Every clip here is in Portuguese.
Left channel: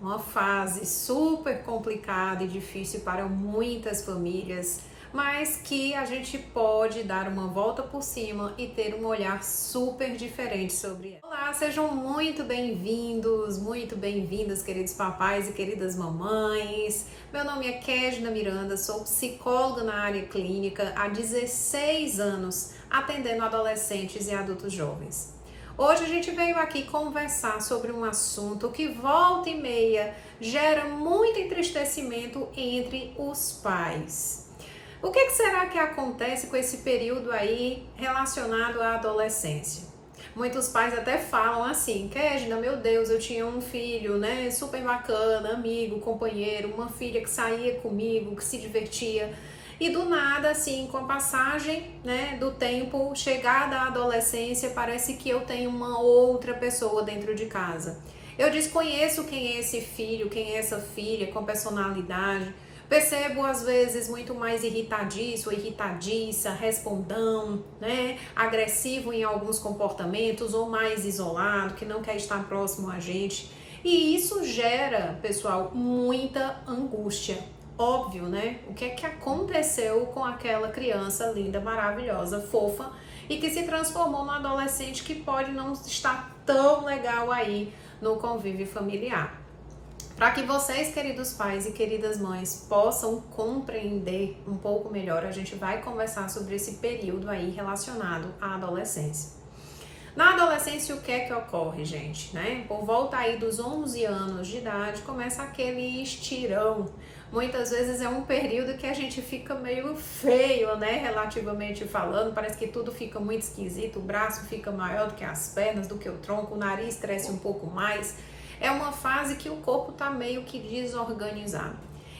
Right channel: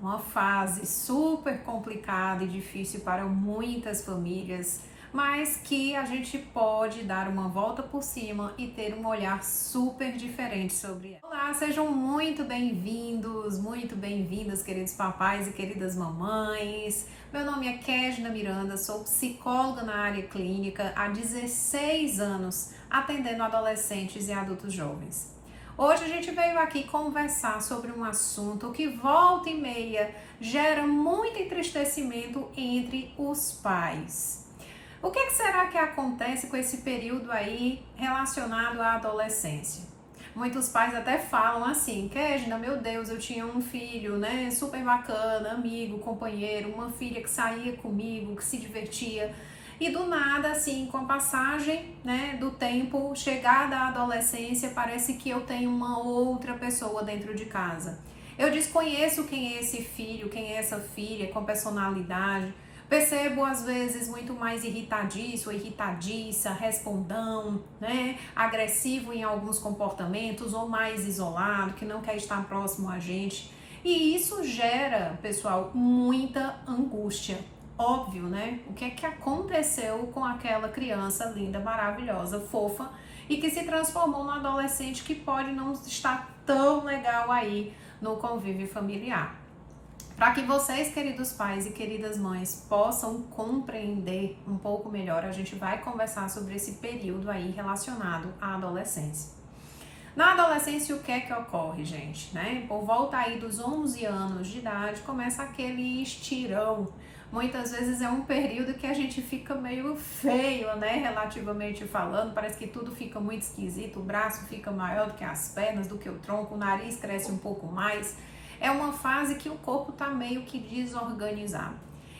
Uma fase super complicada e difícil para muitas famílias, mas que a gente pode dar uma volta por cima e ter um olhar super diferente sobre ela. Olá, sejam muito bem-vindos, muito bem-vindas, queridos papais e queridas mamães. Meu nome é Kézia Miranda, sou psicóloga na área clínica há 16 anos, atendendo adolescentes e adultos jovens. Hoje a gente veio aqui conversar sobre um assunto que volta e meia gera muito entristecimento entre os pais. O que será que acontece com esse período aí relacionado à adolescência? Muitos pais até falam assim, Kézia, meu Deus, eu tinha um filho, né, super bacana, amigo, companheiro, uma filha que saía comigo, que se divertia. E do nada, assim, com a passagem, né, do tempo, chegada à adolescência, parece que eu tenho uma outra pessoa dentro de casa. Eu desconheço quem é esse filho, quem é essa filha, com personalidade. Percebo, às vezes, muito mais irritadiço ou irritadiça, respondão, né, agressivo em alguns comportamentos ou mais isolado, que não quer estar próximo a gente. E isso gera, pessoal, muita angústia. Óbvio, né? O que é que aconteceu com aquela criança linda, maravilhosa, fofa e que se transformou num adolescente que pode não estar tão legal aí no convívio familiar. Para que vocês, queridos pais e queridas mães, possam compreender um pouco melhor, a gente vai conversar sobre esse período aí relacionado à adolescência. Na adolescência, o que é que ocorre, gente? Né? Por volta aí dos 11 anos de idade, começa aquele estirão. Muitas vezes é um período que a gente fica meio feio, né? Relativamente falando, parece que tudo fica muito esquisito, o braço fica maior do que as pernas, do que o tronco, o nariz cresce um pouco mais. É uma fase que o corpo tá meio que desorganizado.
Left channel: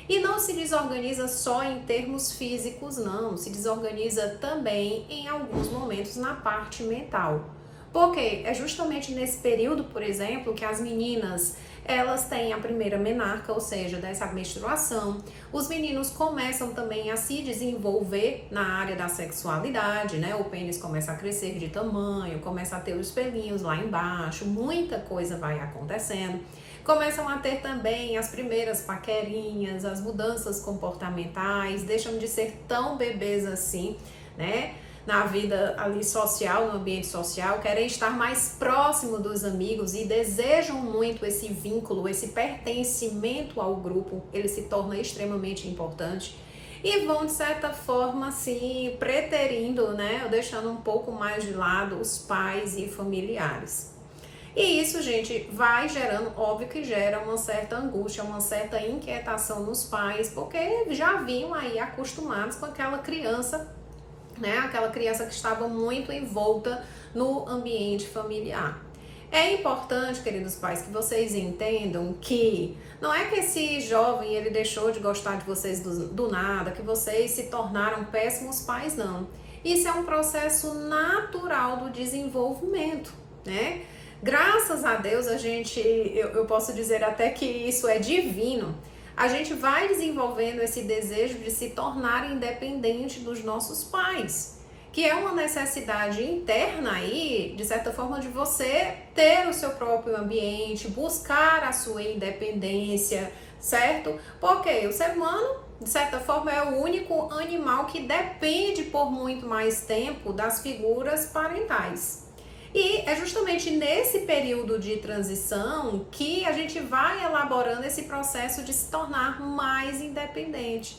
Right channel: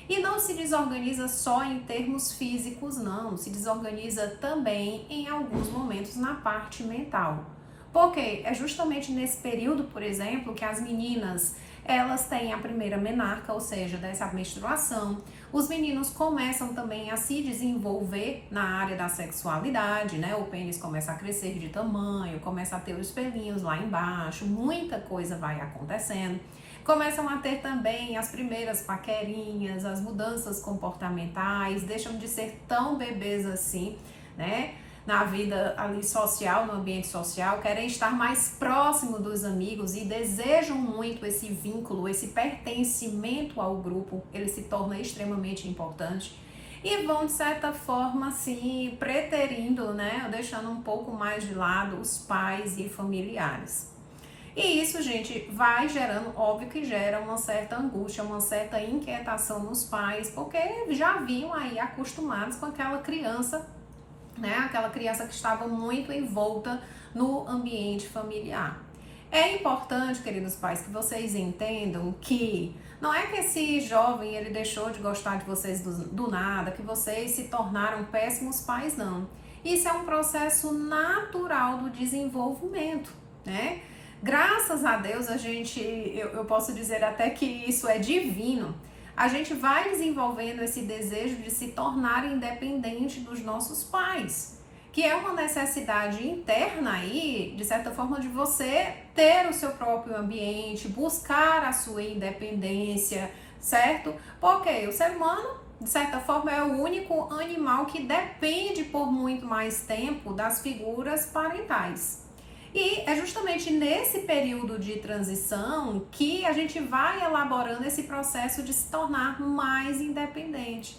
E não se desorganiza só em termos físicos, não. Se desorganiza também em alguns momentos na parte mental. Porque é justamente nesse período, por exemplo, que as meninas elas têm a primeira menarca, ou seja, dessa menstruação. Os meninos começam também a se desenvolver na área da sexualidade, né? O pênis começa a crescer de tamanho, começa a ter os pelinhos lá embaixo, muita coisa vai acontecendo. Começam a ter também as primeiras paquerinhas, as mudanças comportamentais, deixam de ser tão bebês assim, né? Na vida ali social, no ambiente social, querem estar mais próximo dos amigos e desejam muito esse vínculo, esse pertencimento ao grupo, ele se torna extremamente importante e vão, de certa forma, assim, preterindo, né, ou deixando um pouco mais de lado os pais e familiares. E isso, gente, vai gerando, óbvio que gera uma certa angústia, uma certa inquietação nos pais, porque já vinham aí acostumados com aquela criança, né? Aquela criança que estava muito envolta no ambiente familiar. É importante, queridos pais, que vocês entendam que não é que esse jovem ele deixou de gostar de vocês do nada, que vocês se tornaram péssimos pais, não. Isso é um processo natural do desenvolvimento, né? Graças a Deus eu posso dizer até que isso é divino. A gente vai desenvolvendo esse desejo de se tornar independente dos nossos pais, que é uma necessidade interna aí, de certa forma, de você ter o seu próprio ambiente, buscar a sua independência, certo? Porque o ser humano, de certa forma, é o único animal que depende por muito mais tempo das figuras parentais. E é justamente nesse período de transição que a gente vai elaborando esse processo de se tornar mais independente.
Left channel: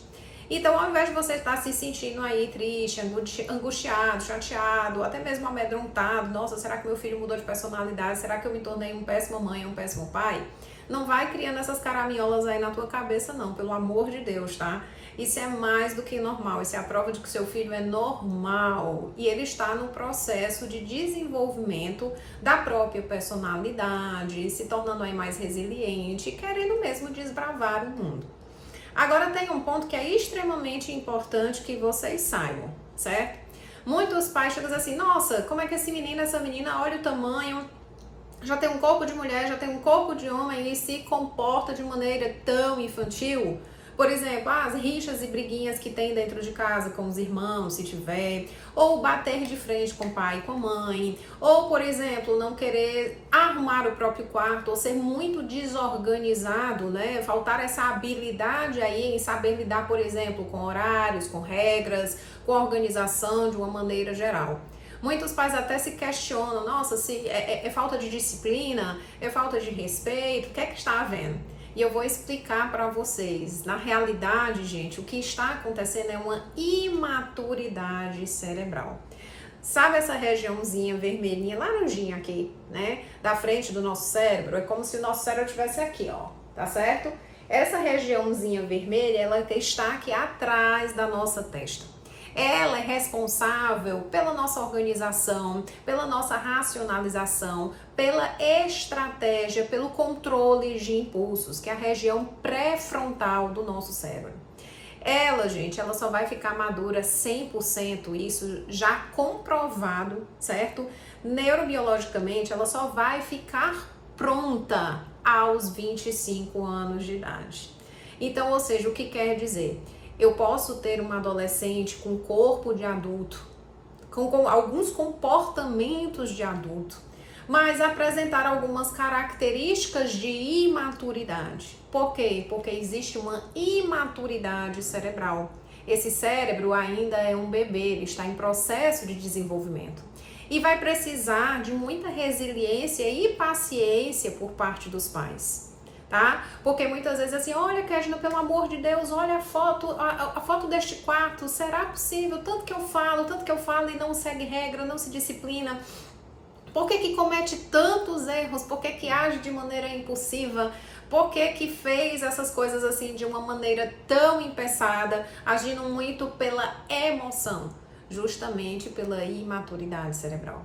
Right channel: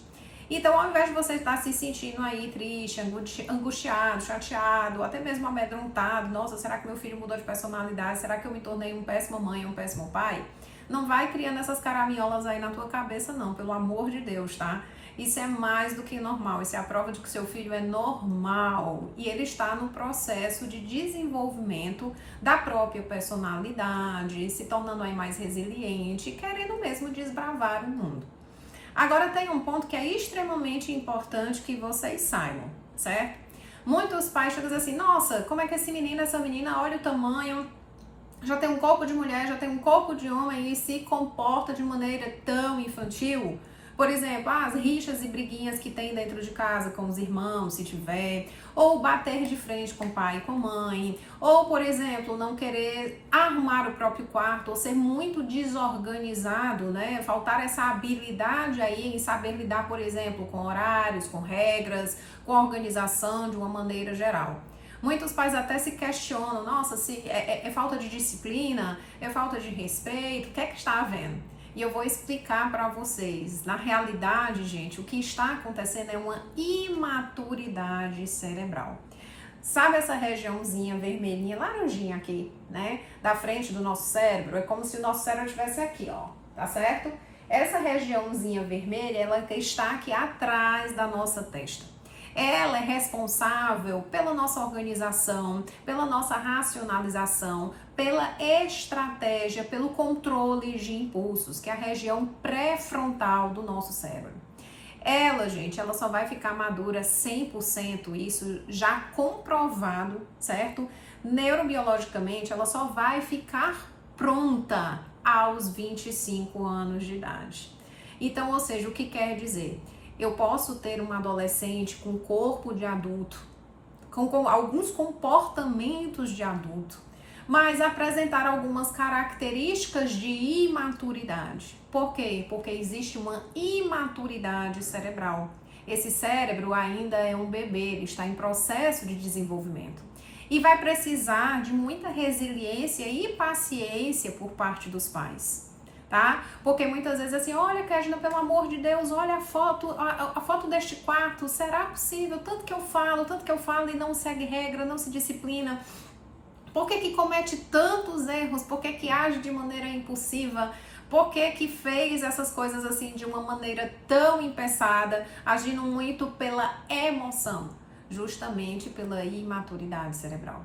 Então, ao invés de você estar se sentindo aí triste, angustiado, chateado, até mesmo amedrontado, nossa, será que meu filho mudou de personalidade? Será que eu me tornei uma péssima mãe, um péssimo pai? Não vai criando essas caraminholas aí na tua cabeça, não, pelo amor de Deus, tá? Isso é mais do que normal, isso é a prova de que seu filho é normal e ele está no processo de desenvolvimento da própria personalidade, se tornando aí mais resiliente, querendo mesmo desbravar o mundo. Agora tem um ponto que é extremamente importante que vocês saibam, certo? Muitos pais chegam assim, nossa, como é que esse menino, essa menina, olha o tamanho, já tem um corpo de mulher, já tem um corpo de homem e se comporta de maneira tão infantil? Por exemplo, as rixas e briguinhas que tem dentro de casa com os irmãos, se tiver, ou bater de frente com o pai e com a mãe, ou, por exemplo, não querer arrumar o próprio quarto, ou ser muito desorganizado, né? Faltar essa habilidade aí em saber lidar, por exemplo, com horários, com regras, com organização de uma maneira geral. Muitos pais até se questionam, nossa, se é falta de disciplina, é falta de respeito, o que é que está havendo? E eu vou explicar para vocês. Na realidade, gente, o que está acontecendo é uma imaturidade cerebral. Sabe essa regiãozinha vermelhinha, laranjinha aqui, né? Da frente do nosso cérebro? É como se o nosso cérebro estivesse aqui, ó. Tá certo? Essa regiãozinha vermelha, ela está aqui atrás da nossa testa. Ela é responsável pela nossa organização, pela nossa racionalização, pela estratégia, pelo controle de impulsos, que é a região pré-frontal do nosso cérebro. Ela, gente, ela só vai ficar madura 100%, isso já comprovado, certo? Neurobiologicamente, ela só vai ficar pronta aos 25 anos de idade. Então, ou seja, o que quer dizer? Eu posso ter uma adolescente com corpo de adulto, com alguns comportamentos de adulto, mas apresentar algumas características de imaturidade. Por quê? Porque existe uma imaturidade cerebral. Esse cérebro ainda é um bebê, ele está em processo de desenvolvimento. E vai precisar de muita resiliência e paciência por parte dos pais. Tá? Porque muitas vezes assim, olha, Kedna, pelo amor de Deus, olha a foto deste quarto, será possível? Tanto que eu falo e não segue regra, não se disciplina. Por que comete tantos erros? Por que age de maneira impulsiva? Por que fez essas coisas assim de uma maneira tão impensada, agindo muito pela emoção? Justamente pela imaturidade cerebral.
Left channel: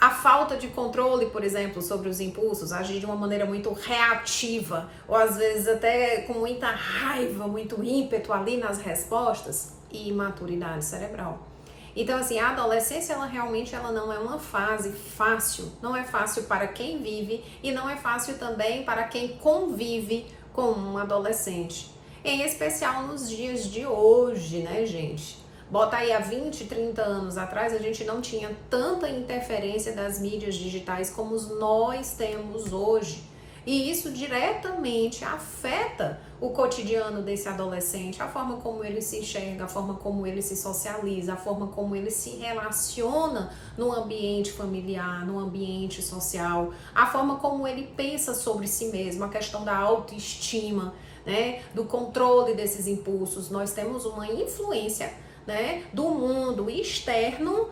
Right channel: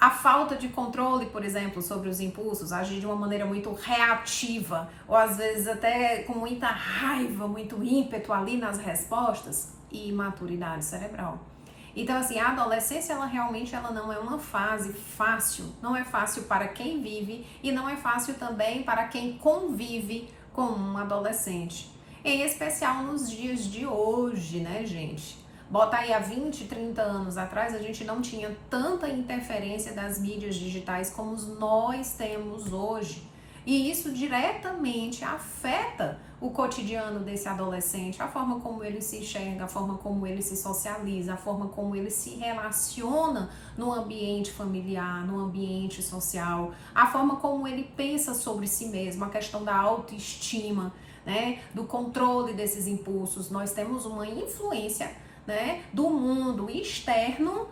A falta de controle, por exemplo, sobre os impulsos, agir de uma maneira muito reativa, ou às vezes até com muita raiva, muito ímpeto ali nas respostas, e imaturidade cerebral. Então, assim, a adolescência, ela realmente não é uma fase fácil. Não é fácil para quem vive e não é fácil também para quem convive com um adolescente. Em especial nos dias de hoje, né, gente? Bota aí há 20, 30 anos atrás, a gente não tinha tanta interferência das mídias digitais como nós temos hoje. E isso diretamente afeta o cotidiano desse adolescente, a forma como ele se enxerga, a forma como ele se socializa, a forma como ele se relaciona no ambiente familiar, no ambiente social, a forma como ele pensa sobre si mesmo, a questão da autoestima, né, do controle desses impulsos. Nós temos uma influência, né, do mundo externo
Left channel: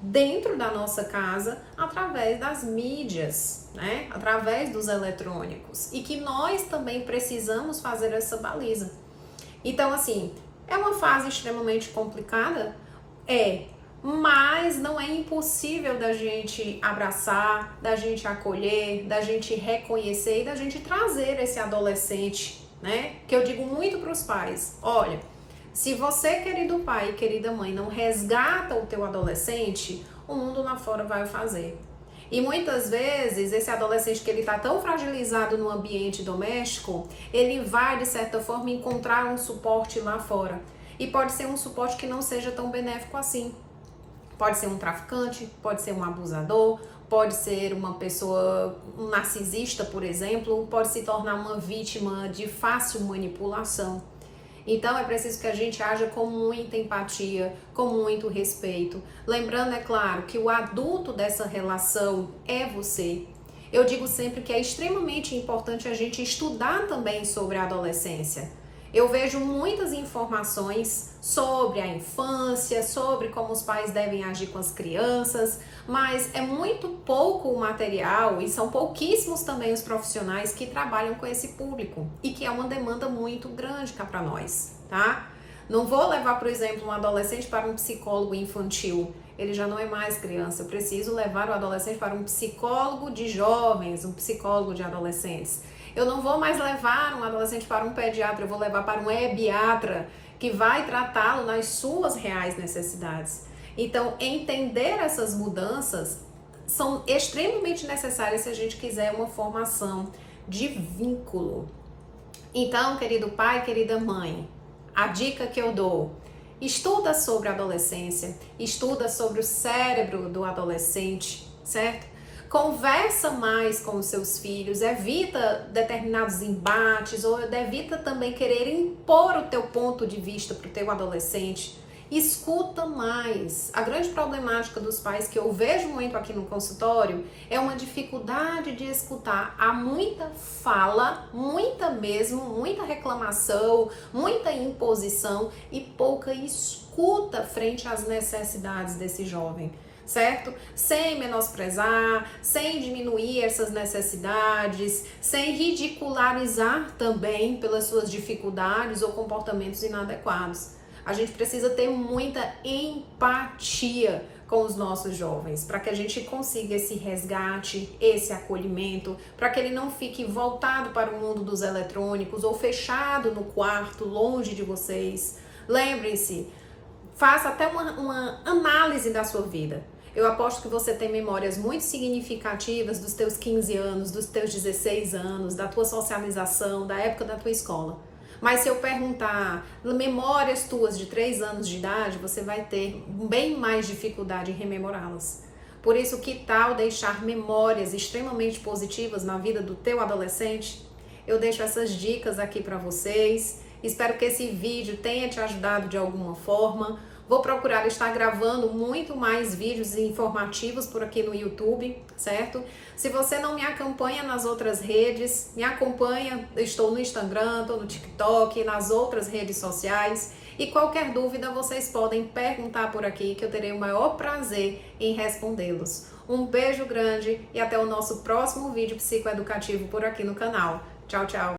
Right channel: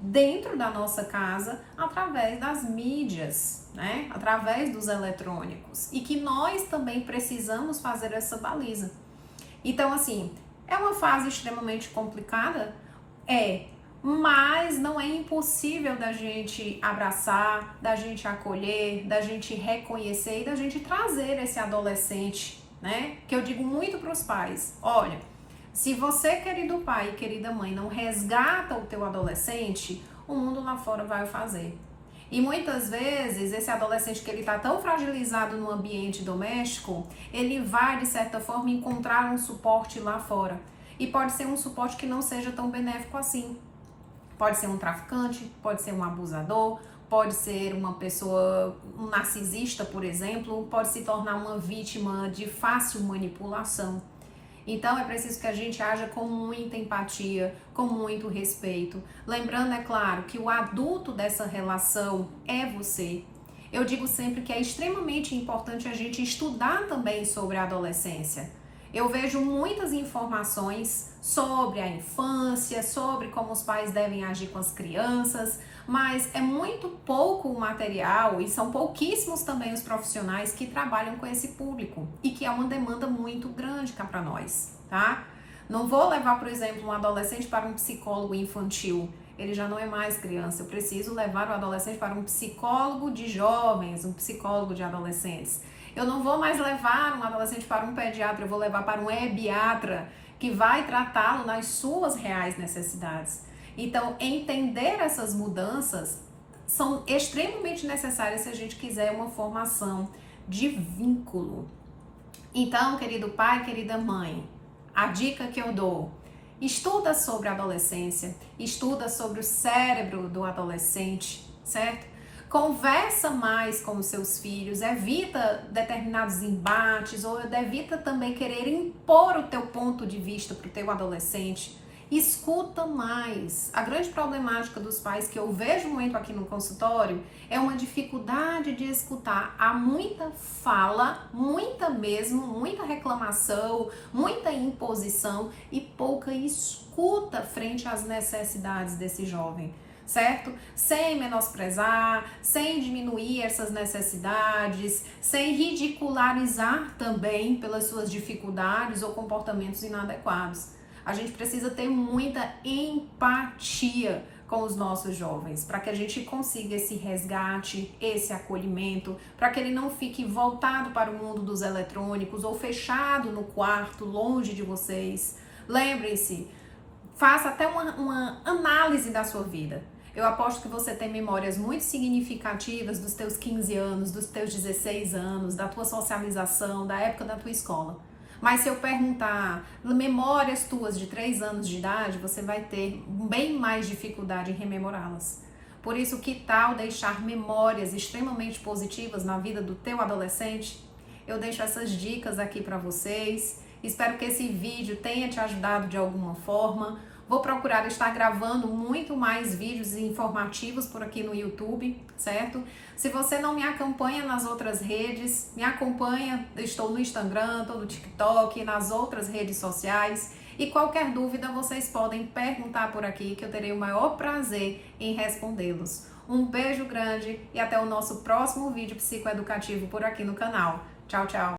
dentro da nossa casa através das mídias, né, através dos eletrônicos, e que nós também precisamos fazer essa baliza. Então, assim, é uma fase extremamente complicada, mas não é impossível da gente abraçar, da gente acolher, da gente reconhecer e da gente trazer esse adolescente, né, que eu digo muito para os pais, olha, se você, querido pai e querida mãe, não resgata o teu adolescente, o mundo lá fora vai o fazer. E muitas vezes, esse adolescente que ele está tão fragilizado no ambiente doméstico, ele vai, de certa forma, encontrar um suporte lá fora. E pode ser um suporte que não seja tão benéfico assim. Pode ser um traficante, pode ser um abusador, pode ser uma pessoa, um narcisista, por exemplo, pode se tornar uma vítima de fácil manipulação. Então é preciso que a gente haja com muita empatia, com muito respeito. Lembrando, é claro, que o adulto dessa relação é você. Eu digo sempre que é extremamente importante a gente estudar também sobre a adolescência. Eu vejo muitas informações sobre a infância, sobre como os pais devem agir com as crianças, mas é muito pouco o material e são pouquíssimos também os profissionais que trabalham com esse público e que é uma demanda muito grande cá para nós, tá? Não vou levar, por exemplo, um adolescente para um psicólogo infantil, ele já não é mais criança, eu preciso levar o adolescente para um psicólogo de jovens, um psicólogo de adolescentes. Eu não vou mais levar um adolescente para um pediatra, eu vou levar para um ebiatra que vai tratá-lo nas suas reais necessidades. Então, entender essas mudanças são extremamente necessárias se a gente quiser uma formação de vínculo. Então, querido pai, querida mãe, a dica que eu dou: estuda sobre a adolescência, estuda sobre o cérebro do adolescente, certo? Conversa mais com os seus filhos, evita determinados embates ou evita também querer impor o teu ponto de vista para o teu adolescente. Escuta mais. A grande problemática dos pais que eu vejo muito aqui no consultório é uma dificuldade de escutar. Há muita fala, muita mesmo, muita reclamação, muita imposição e pouca escuta frente às necessidades desse jovem. Certo? Sem menosprezar, sem diminuir essas necessidades, sem ridicularizar também pelas suas dificuldades ou comportamentos inadequados. A gente precisa ter muita empatia com os nossos jovens, para que a gente consiga esse resgate, esse acolhimento, para que ele não fique voltado para o mundo dos eletrônicos ou fechado no quarto, longe de vocês. Lembrem-se, faça até uma análise da sua vida. Eu aposto que você tem memórias muito significativas dos teus 15 anos, dos teus 16 anos, da tua socialização, da época da tua escola. Mas se eu perguntar memórias tuas de 3 anos de idade, você vai ter bem mais dificuldade em rememorá-las. Por isso, que tal deixar memórias extremamente positivas na vida do teu adolescente? Eu deixo essas dicas aqui para vocês. Espero que esse vídeo tenha te ajudado de alguma forma. Vou procurar estar gravando muito mais vídeos informativos por aqui no YouTube, certo? Se você não me acompanha nas outras redes, me acompanha, estou no Instagram, estou no TikTok, nas outras redes sociais. E qualquer dúvida vocês podem perguntar por aqui que eu terei o maior prazer em respondê-los. Um beijo grande e até o nosso próximo vídeo psicoeducativo por aqui no canal. Tchau, tchau!